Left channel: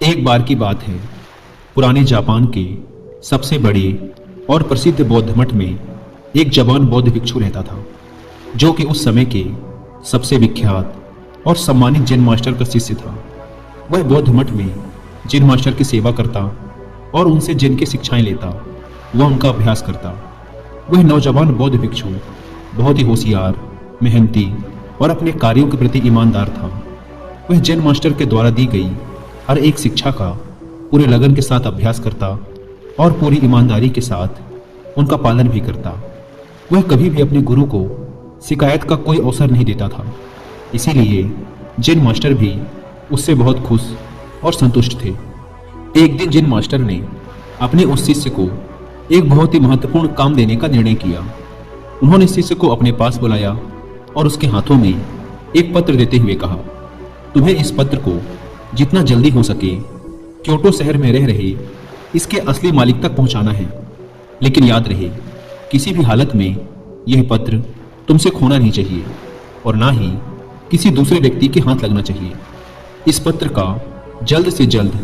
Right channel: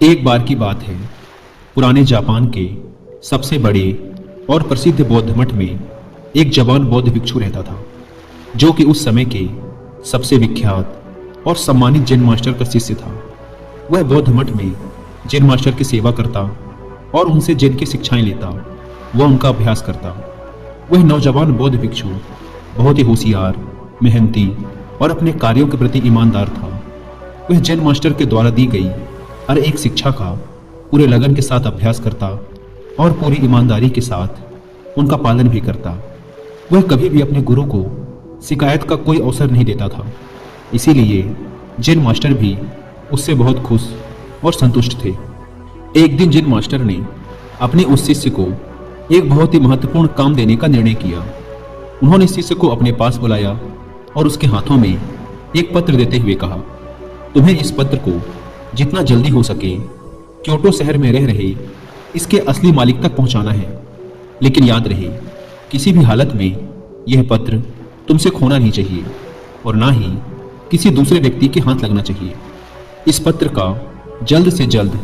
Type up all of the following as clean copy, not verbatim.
एक बार की बात है। पुराने जापान के सबसे बड़े और प्रसिद्ध बौद्ध मठ में एक जवान बौद्ध भिक्षु रहता था, जो कि उस समय के सबसे विख्यात और सम्मानित जैन मास्टर का शिष्य था। वह बौद्ध मठ में जैन मास्टर की सेवा करता और उनसे जैन की शिक्षाएं लेता। वह उनका अभ्यास करता। वह नौजवान बौद्ध भिक्षु बहुत ही होशियार, मेहनती और अपने कार्यों के प्रति ईमानदार था। वह जैन मास्टर के द्वारा दी गई हर एक शिक्षा का पूरे लगन के साथ अभ्यास करता और पूरी ईमानदारी के साथ उनका पालन भी करता। वह कभी भी अपने गुरु को शिकायत का कोई अवसर नहीं देता था। इसीलिए जैन मास्टर भी उससे बहुत खुश और संतुष्ट थे। एक दिन जैन मास्टर ने अपने उस शिष्य को एक बहुत ही महत्वपूर्ण काम देने का निर्णय किया। उन्होंने शिष्य को अपने पास बुलाया और उसके हाथों में एक पत्र देते हुए कहा, तुम्हें इस पत्र को जितना जल्दी हो सके क्योटो शहर में रह रहे इसके असली मालिक तक पहुंचाना है। लेकिन याद रहे, किसी भी हालत में यह पत्र तुमसे खोना नहीं चाहिए और ना ही किसी दूसरे व्यक्ति के हाथ लगना चाहिए। इस पत्र का जल्द से जल्द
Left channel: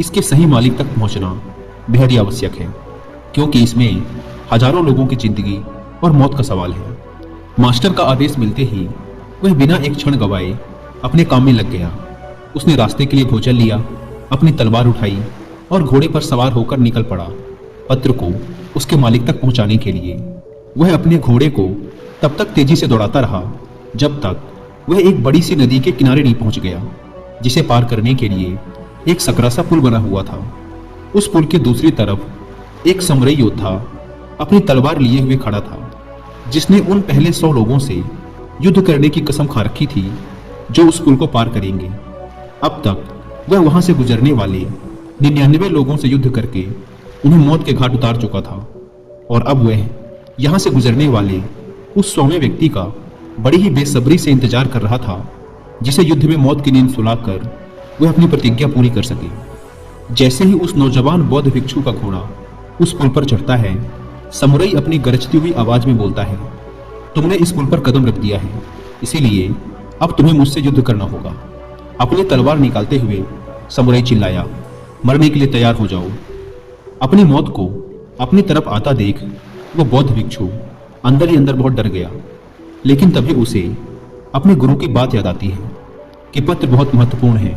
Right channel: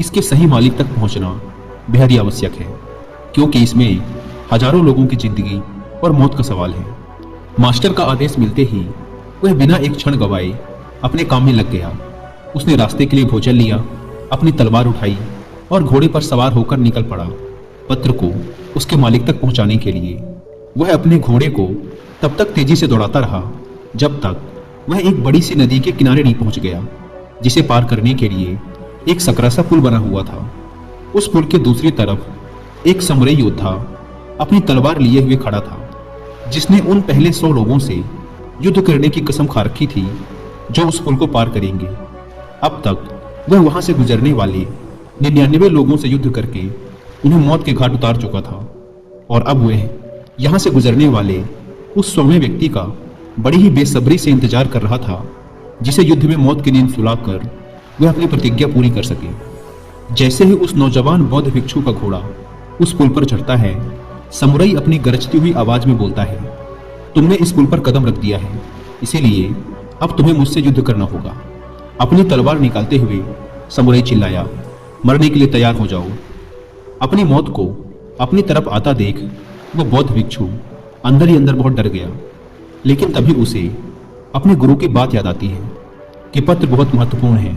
इसके सही मालिक तक पहुंचना बेहद ही आवश्यक है, क्योंकि इसमें हजारों लोगों की जिंदगी और मौत का सवाल है। मास्टर का आदेश मिलते ही वह बिना एक क्षण गवाए अपने काम में लग गया। उसने रास्ते के लिए भोजन लिया, अपनी तलवार उठाई और घोड़े पर सवार होकर निकल पड़ा पत्र को उसके मालिक तक पहुंचाने के लिए। वह अपने घोड़े को तब तक तेजी से दौड़ाता रहा जब तक वह एक बड़ी सी नदी के किनारे नहीं पहुंच गया, जिसे पार करने के लिए एक सकरा सा पुल बना हुआ था। उस पुल के दूसरी तरफ एक समुराई योद्धा अपनी तलवार लिए हुए खड़ा था, जिसने उन पहले 100 लोगों से युद्ध करने की कसम खा रखी थी जो उस पुल को पार करेंगे। अब तक वह वहां से गुजरने वाले 99 लोगों से युद्ध करके उन्हें मौत के घाट उतार चुका था, और अब वह यहां से गुजरने वाले उस 100वें व्यक्ति का बड़ी ही बेसब्री से इंतजार कर रहा था, जिसे युद्ध में मौत की नींद सुलाकर वह अपनी प्रतिज्ञा पूरी कर सके। जैसे ही उस नौजवान बौद्ध भिक्षु का घोड़ा उस पुल पर चढ़ता है, समुराई अपनी गरजती हुई आवाज में बोलता है, तुमने इस पुल पर कदम रख दिया है, इसीलिए अब तुम्हें मुझसे युद्ध करना होगा। अपनी तलवार निकालते हुए समुराई चिल्लाया, मरने के लिए तैयार हो जाओ। अपनी मौत को अपनी तरफ आता देख वह बौद्ध भिक्षु अंदर ही अंदर बहुत डर गया। लेकिन तभी उसे अपने गुरु की बात याद आती है कि पत्र बहुत महत्वपूर्ण है,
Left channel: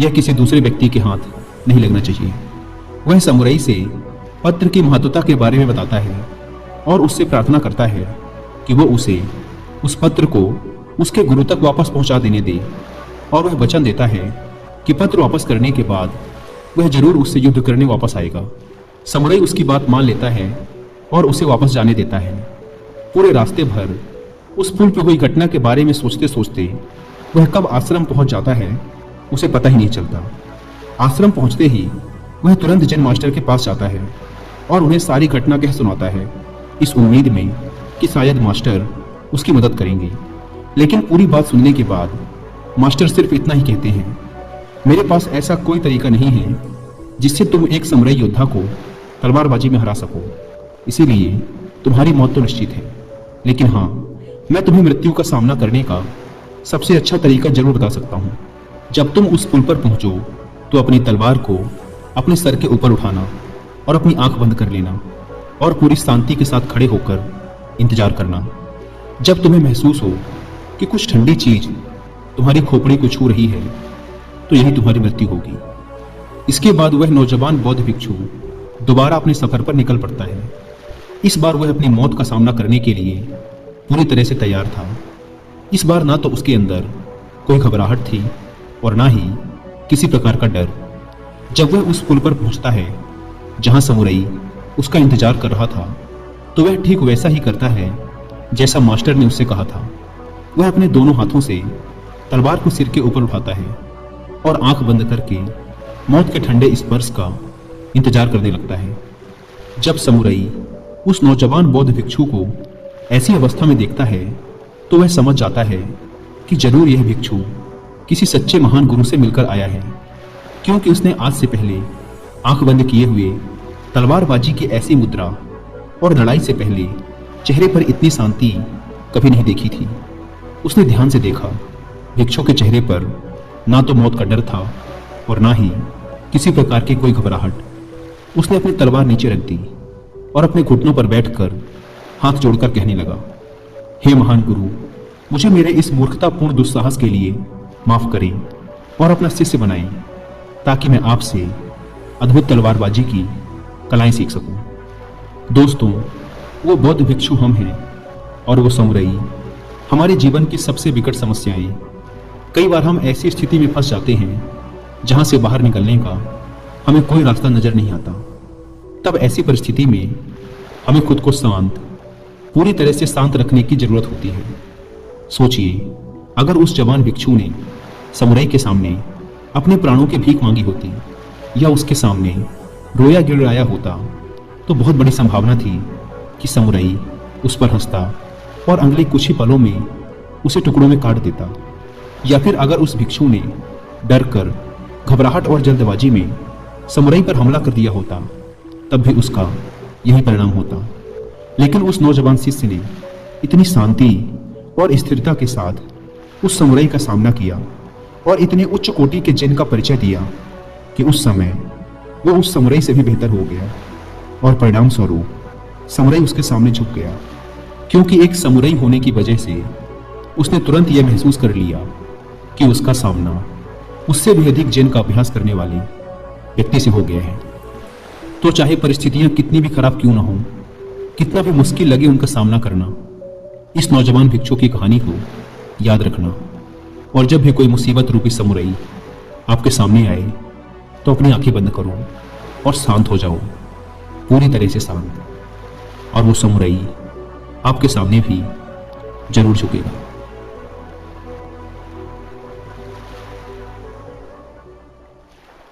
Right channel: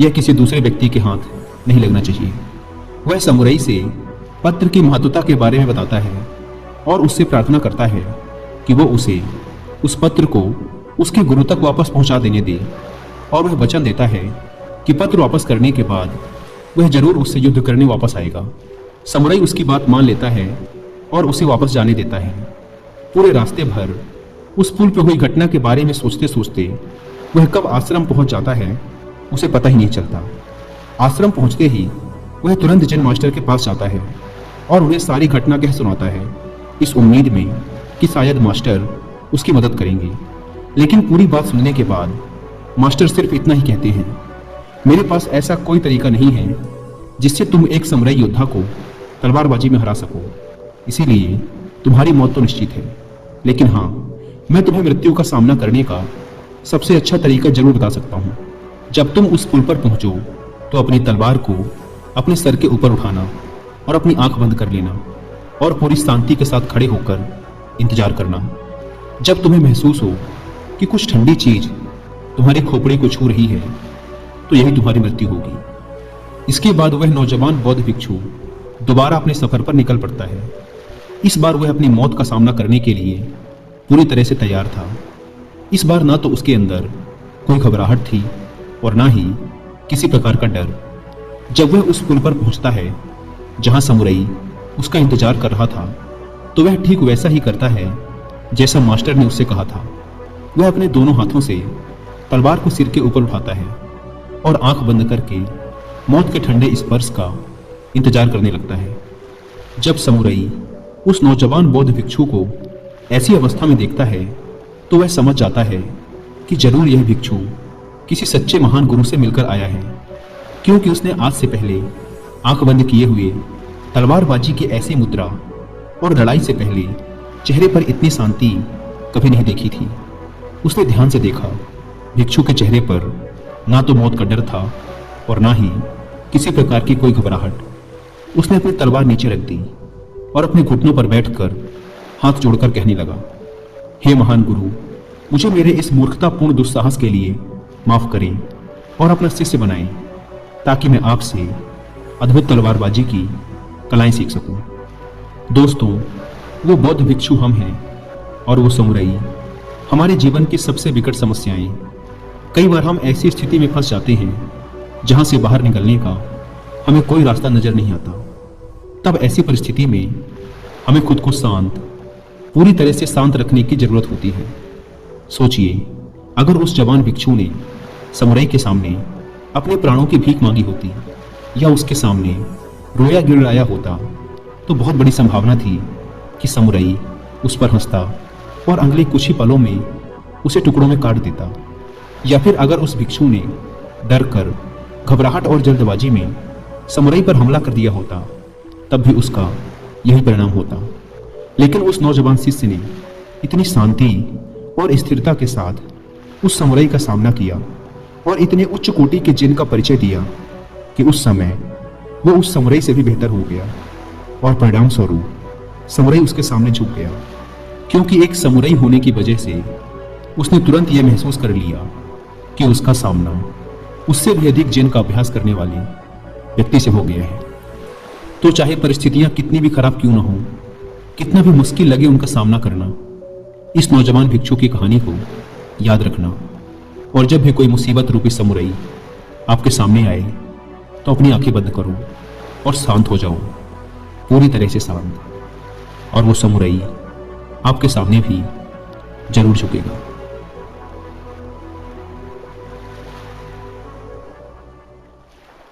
यह किसी दूसरे व्यक्ति के हाथ नहीं लगना चाहिए। वह समुराई से पत्र की महत्वता के बारे में बताता है और उससे प्रार्थना करता है कि वह उसे उस पत्र को उसके गुरु तक वापस पहुंचा देने दे, और वह वचन देता है कि पत्र वापस करने के बाद वह जरूर उससे युद्ध करने वापस आएगा। समुराई उसकी बात मान लेता है और उसे वापस जाने देता है। पूरे रास्ते भर उस पुल पर हुई घटना के बारे में सोचते सोचते वह कब आश्रम पहुंच जाता है उसे पता ही नहीं चलता। आश्रम पहुंचते ही वह तुरंत जैन मास्टर के पास जाता है और उन्हें सारी घटना कह सुनाता है, इस उम्मीद में कि शायद मास्टर उसकी मदद करेंगे। लेकिन पूरी बात सुनने के बाद मास्टर सिर्फ इतना ही कहते हैं, मेरे पास ऐसा कोई तरीका नहीं है जिससे तुम एक समुराई योद्धा को तलवारबाजी में हरा सको, इसीलिए तुम्हारी मौत तो निश्चित है। लेकिन हाँ, मैं तुम्हें मृत्यु का सामना करने का सबसे अच्छा तरीका जरूर बता सकता हूँ। जब तुम उस पुल पर पहुंचो तो अपनी तलवार को अपने सर के ऊपर उठाना और अपनी आंख बंद कर लेना और पूरी शांति के साथ खड़े होकर इंतजार करना। जब तुम्हें महसूस हो कि कुछ ठंडी चीज तुम्हारी खोपड़ी को छू रही है, तो यही तुम्हारी मृत्यु होगी। इसके बाद वह नौजवान बौद्ध भिक्षु दोबारा अपने सफर पर निकल पड़ता है। इस बार वह अपनी मौत का सामना करने के लिए पूरी तरह से तैयार था। इस बार ना तो उसके अंदर कोई घबराहट थी और ना ही किसी प्रकार का डर। जब वह उस पुल पर पहुंचता है जहां समुराई उसका इंतजार कर रहा था, तो वह ठीक वैसा ही करता है जैसा मास्टर ने उससे कहा था। वह अपने दोनों हाथों से तलवार को सिर के ऊपर उठाता है और आंख बंद करके मौत के ठंडे स्पर्श का इंतजार करने लगता है। जब समुराई उस नौजवान बौद्ध भिक्षु को ऐसी अवस्था में देखता है, तो वह समझ जाता है कि जरूर यह भिक्षु किसी सच्चे महान गुरु से मिलकर आया है, क्योंकि उसने आज से पहले आंख बंद किए हुए तलवारबाजी की ऐसी मुद्रा और लड़ाई से पहले चेहरे पर इतनी शांति कभी नहीं देखी थी। उसने ध्यान से देखा, भिक्षु के चेहरे पर ना तो मौत का डर था और ना ही किसी प्रकार की कोई घबराहट। उसने अपनी तलवार नीचे रख दी और अपने घुटनों पर बैठकर हाथ जोड़कर कहने लगा, हे महान गुरु, मुझे मेरे इस मूर्खतापूर्ण दुस्साहस के लिए माफ करें और अपना शिष्य बनाएं, ताकि मैं आपसे अद्भुत तलवारबाजी की कलाएं सीख सकूं। दोस्तों, वो बौद्ध भिक्षु हम हैं और वो समुराई हमारे जीवन की सबसे विकट समस्याएं। कई बार हम ऐसी स्थिति में फंस जाते हैं जहां से बाहर निकलने का हमें कोई रास्ता नजर नहीं आता। तब ऐसी परिस्थिति में हमें खुद को शांत, पूरी तरह से शांत रखने की जरूरत होती है। सोचिए, अगर उस जवान भिक्षु ने समुराई के सामने अपने प्राणों की भीख मांगी होती या उसके सामने रोया गिड़ाया होता, तो बहुत बड़ी संभावना थी कि समुराई उस पर हंसता और अगले कुछ ही पलों में उसे टुकड़ों में काट देता। या फिर अगर उस भिक्षु ने डर कर, घबराहट और जल्दबाजी में समुराई पर हमला कर दिया होता, तब भी उसका यही परिणाम होता। लेकिन उस नौजवान शिष्य ने इतनी शांति और स्थिरता के साथ उस समुराई का सामना किया और इतने उच्च कोटि के जिन का परिचय दिया कि उस समय वो उस समुराई से भी बेहतर हो गया और परिणाम स्वरूप समुराई उसके सामने झुक गया, क्योंकि एक समुराई होने की वजह से उसने तुरंत यह महसूस कर लिया कि उसका सामना उससे भी अधिक जिन का अभ्यास करने वाले व्यक्ति से हो गया है। तो चाहे परिस्थितियां कितनी भी खराब क्यों न हो, कितना भी मुश्किल लगे उनका सामना करना, इस नौजवान भिक्षु की कहानी को याद रखना। और जब भी कोई मुसीबत रूपी समुराई आपके सामने आए, तो अपनी आंखें बंद करो और शांत हो जाओ, पूरी तरह से शांत। और वो समुराई आपके सामने भी जरूर झुकेगा।